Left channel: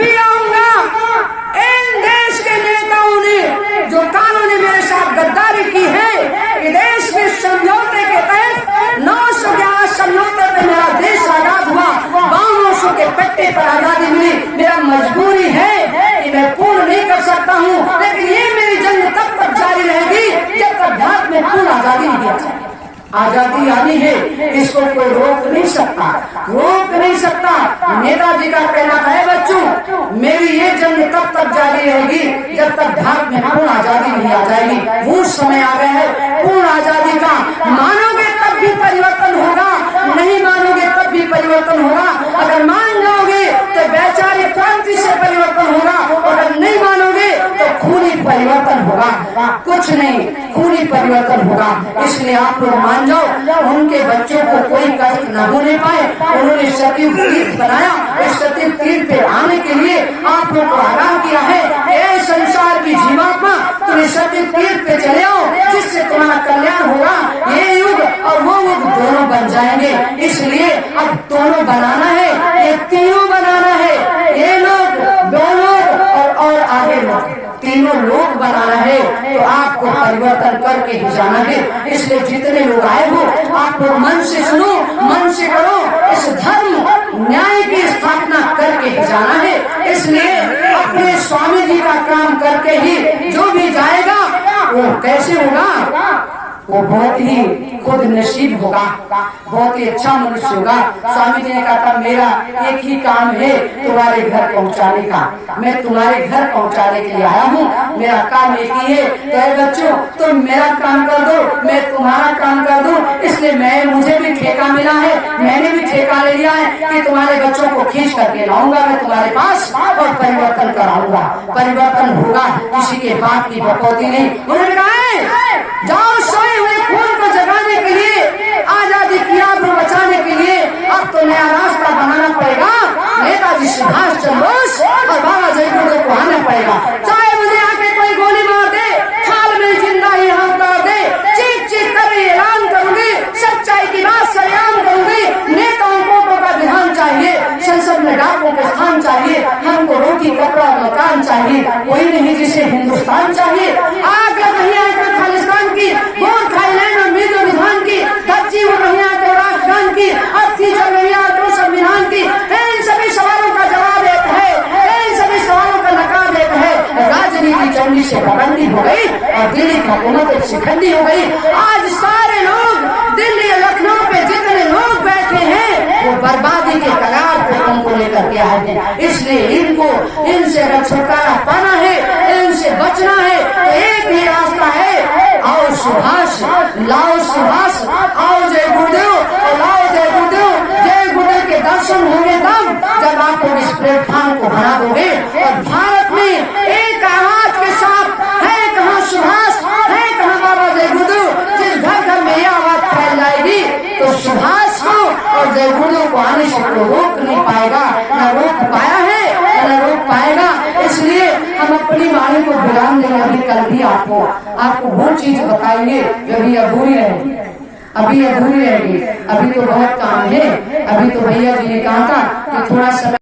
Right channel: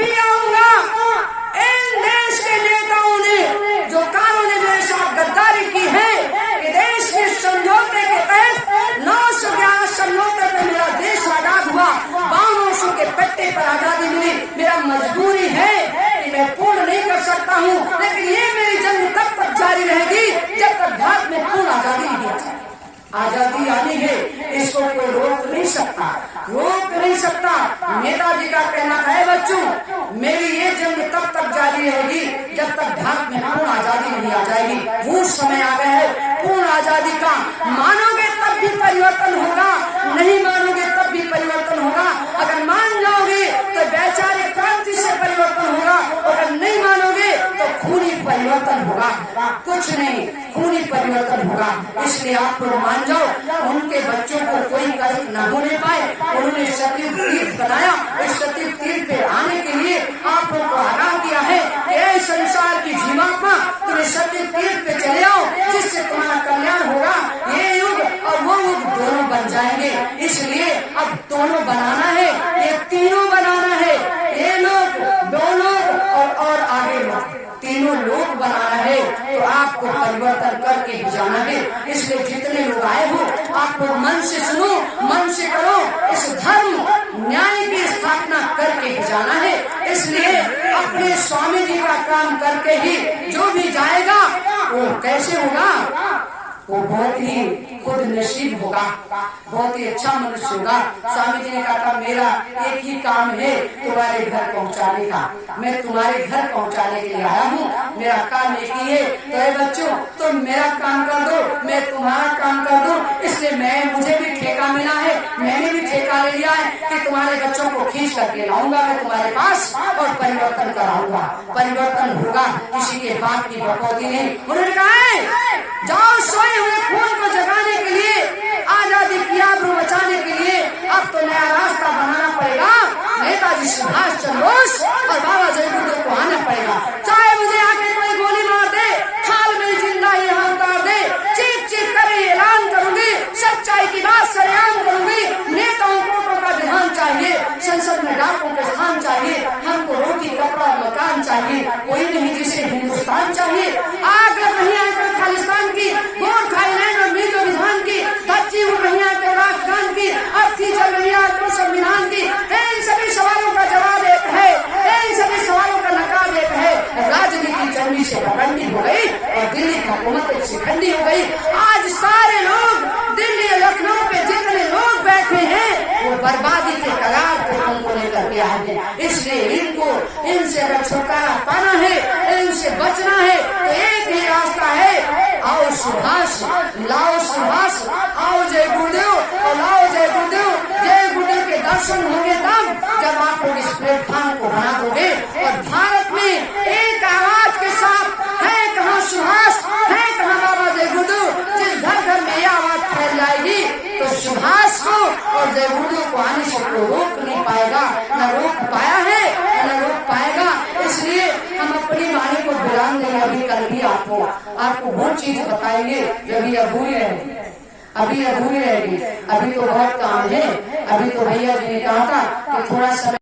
भी आऊंगा। इन देश के नेताओं ने जो कानून मेरे साथ गद्दारी की है कि देश में समझौते के तहत 911 समझौते पे मेरा देश आजाद हुआ, 52 के पट्टे पर आजादी मिली। मेरा मजबूरी है कि मैं पूर्ण नहीं कर सकता हूँ, लेकिन ये मेरी जंग तब तक जारी रहेगी जब तक भारत में पूर्ण आजादी नहीं आ जाए। आजादी आनी है, इसको कोई रोक नहीं सकता, रोक नहीं सकता। नेताजी का कहना था, है बच्चों, मेरी ये जंग तब तक जारी रहेगी जब तक भारत में पूर्ण आजादी नहीं आ जाएगी। वो समय आ गया है पूर्ण आजादी का। मानोगे तब भी परिवर्तन होगा, नहीं मानोगे तब भी परिवर्तन होगा। अगर मान जाओगे तो वैचारिक क्रांति से परिवर्तन होगा, अगर नहीं मानोगे तो खूनी परिवर्तन होगा। कुछ नहीं, खूनी परिवर्तन होगा। इसलिए आप लोग मान जाओ, उनके बच्चों को कोई कष्ट न होने पाए। उन्होंने सतयुग तीर्थ बनाया, इस सतयुग तीर्थ पे आने के लिए आप लोग को आगाह किया है कि ऐ संसार की जीवात्मा, तुम्हें सतयुग तीर्थ पे चले आओ, जिससे तुम्हारा कल्याण होगा। ये युग और वो युग दोनों बन जाएंगे। इसलिए अब दोनों बनाना है, ये तीनों बनाना है। ये लोग, दो लोग और आगे लोग, तीनों लोग बनाना है। तो आपको परिवर्तन करके ही जाना है। इसलिए जितने लोग आए हो, आप लोग मन से सुनो, मन से करो। इस धर्म न्याय की स्थापना करके ही जाना है। इसलिए अपने स्वामी जी का काम करके ही जो भी जाएगा वो कैसे होगा, वो बहुत ही खुद नसीब होगा, बहुत ही अच्छा मनुष्य होगा। स्वामी जी ने कहा था, मेरा एक ही काम है तुम्हारे घर पहुंचाने का, मैं तुम्हारे घर पहुंचाने के लिए आया हूँ। मेरा काम एक ही है। तो ऐ बच्चों, तुम मेरा काम कर दो, मैं तुम्हारा काम कर दूं। इसलिए मुझे भी ठेका मिला है, मैंने भी ठेका ले लिया है कि तुम्हारे बच्चों को खींच करके लाऊंगा मैं तुम्हारे पास और परिवर्तन कराऊंगा। परिवर्तन होगा, किसी के बात की बकौती नहीं। उन्होंने कहा है, जाओ सोए हुए खून को जगाने के लिए, आजादी की आबरू बचाने के लिए अब तो नया रास्ता बनाना पड़ेगा। नेताजी सुभाष चंद्र बोस और बाबा जय गुरुदेव को आना पड़ेगा। चाहे मुझे आके कोई गोली मार दे, खाल में जिंदा ही यहाँ उतार दे, चीख चीख कर ऐलान करूंगी, सच्चाई की बात सरेआम करूंगी। नेताओं को का विधान चाहिए, संसद में डाकों के स्थान चाहिए, हमको रोटी कपड़ा और मकान चाहिए। कोई नहीं जिसे हिंदुस्तान चाहिए। आग लग रही है खालिस्तान की, गोर थाईलैंड और मिजो विधान की, धज्जी उड़ रही है राष्ट्रगान की, अर्थी चल रही है तो संविधान की। इन सभी सवालों का जवाब एक है, इन सभी सवालों का नकाब एक है। राजनीति चंडी से भगंडी हो गई और दिल्ली की हुकूमत एक शिखंडी हो गई। आज सारे लोग दिल्ली और लखनऊ पे जितने लोग बैठे हैं वो बर्बादी के कगार पे तुमको लेकर के आए हैं। इसलिए इनसे अगर छुटकारा पाना है, इनसे बचना है, तो एक ही रास्ता है, आओ सुभाष, लाओ सुभाष, आओ जय गुरुदेव और लाओ जय गुरुदेव। जय गुरुदेव के दर्शन होंगे तब जब आप लोग इस प्लेटफॉर्म को बना दोगे। और भारत में एक आवाज के साथ है कहाँ सुभाष, है कहाँ बाबा जय गुरुदेव। जिस घर घर में ये आवाज फैल जाएगी तो सुभाष को और जय गुरुदेव को आने से कोई रोक नहीं पाएगा, न रोक पाया है न रोक पाएगा। इसलिए हम अपनी वाणी को विराम देंगे। अभी कल भी आपको वो चीज बताएंगे जो अभी अधूरी रहेगी, अभी अधूरी रहेगी। अभी तो बहुत काम है। अभी तो भैया जी ने कहा था कि थोड़ा समय